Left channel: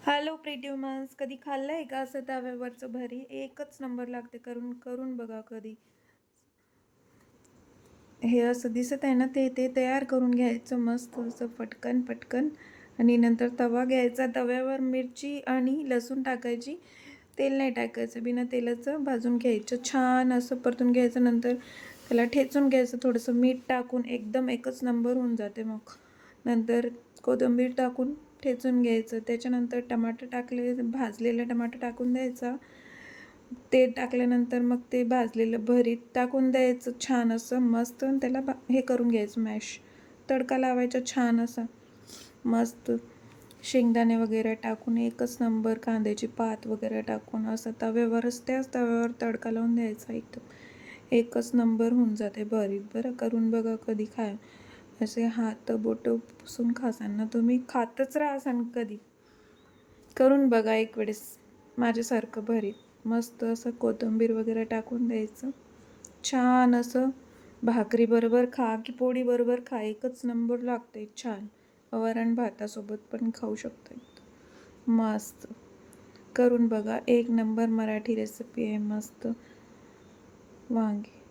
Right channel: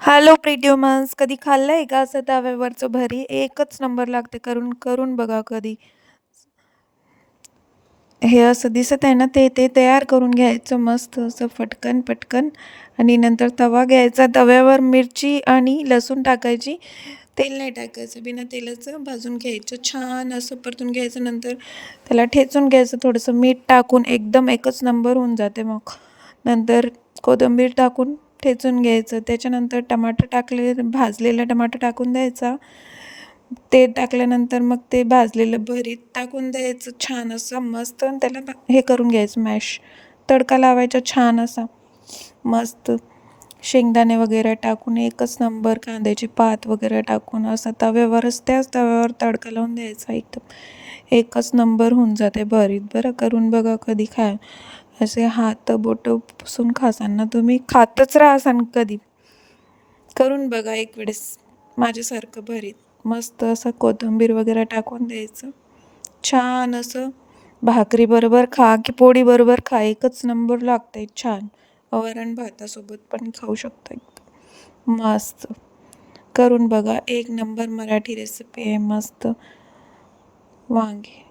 Hello प्रिट्युमन्स, कधी खाल्लंय का असं तव्यावरचं भरी? एकच नंबर लागते. करून करून बघा कधी. हे असं दिसत आहे ना, ते ते तयार करून घ्यायचं मस्त असं पटकन पटकन. आणि नंतर तवा घ्यायचा, तव्यावर मिरची आणि लसूण टाकायची. तेल नाही टाकायचं, बिना तेलाचं भाजून घ्यायचं, छान असं परतून घ्यायचं. नंतर त्याला ठेचून घ्यायचं, थोडंसं मीठ टाकून एकदम एकच नंबर होऊन जाते. मग नंतर कोथिंबीर टाकून ठेचून घ्यायचं. त्याच्यानंतर टमाटर टाकले, भाजलेला टमाटर टाकून द्यायचा. ते टाकल्यानंतर मग ते भाजलेलं भरीत टाकून द्यायचं, छान असं मस्त. आणि त्याला हे करून घ्यायचं, मॅश तडका लावायचा छान असा मस्त. शेंगदाणे वगैरे टाकून एकच नंबर, कांद्याची पात वगैरे टाकून असं तव्यावरच, त्याच तव्यावर तडका लावून द्यायचा. एकदम एकच नंबर होऊन जाते भरीत. बरं, करून बघा कधी. असे हात बोटं पुसून खासांना तुम्ही खातच राहासान कधी. करून बघा एक वेळेस माझ्यासारखं भरीत. मस्त असं कोथिंबीर वगैरे टाकून द्यायचं, छान असं. भाकरी बरोबर खा की पोळी बरोबर खा, एकच नंबर लागते छान. वरण भातासोबत पण खाऊ शकता. मस्त करून बघा, एक नंबर मराठी रेसिपी आहे मस्त. वांगे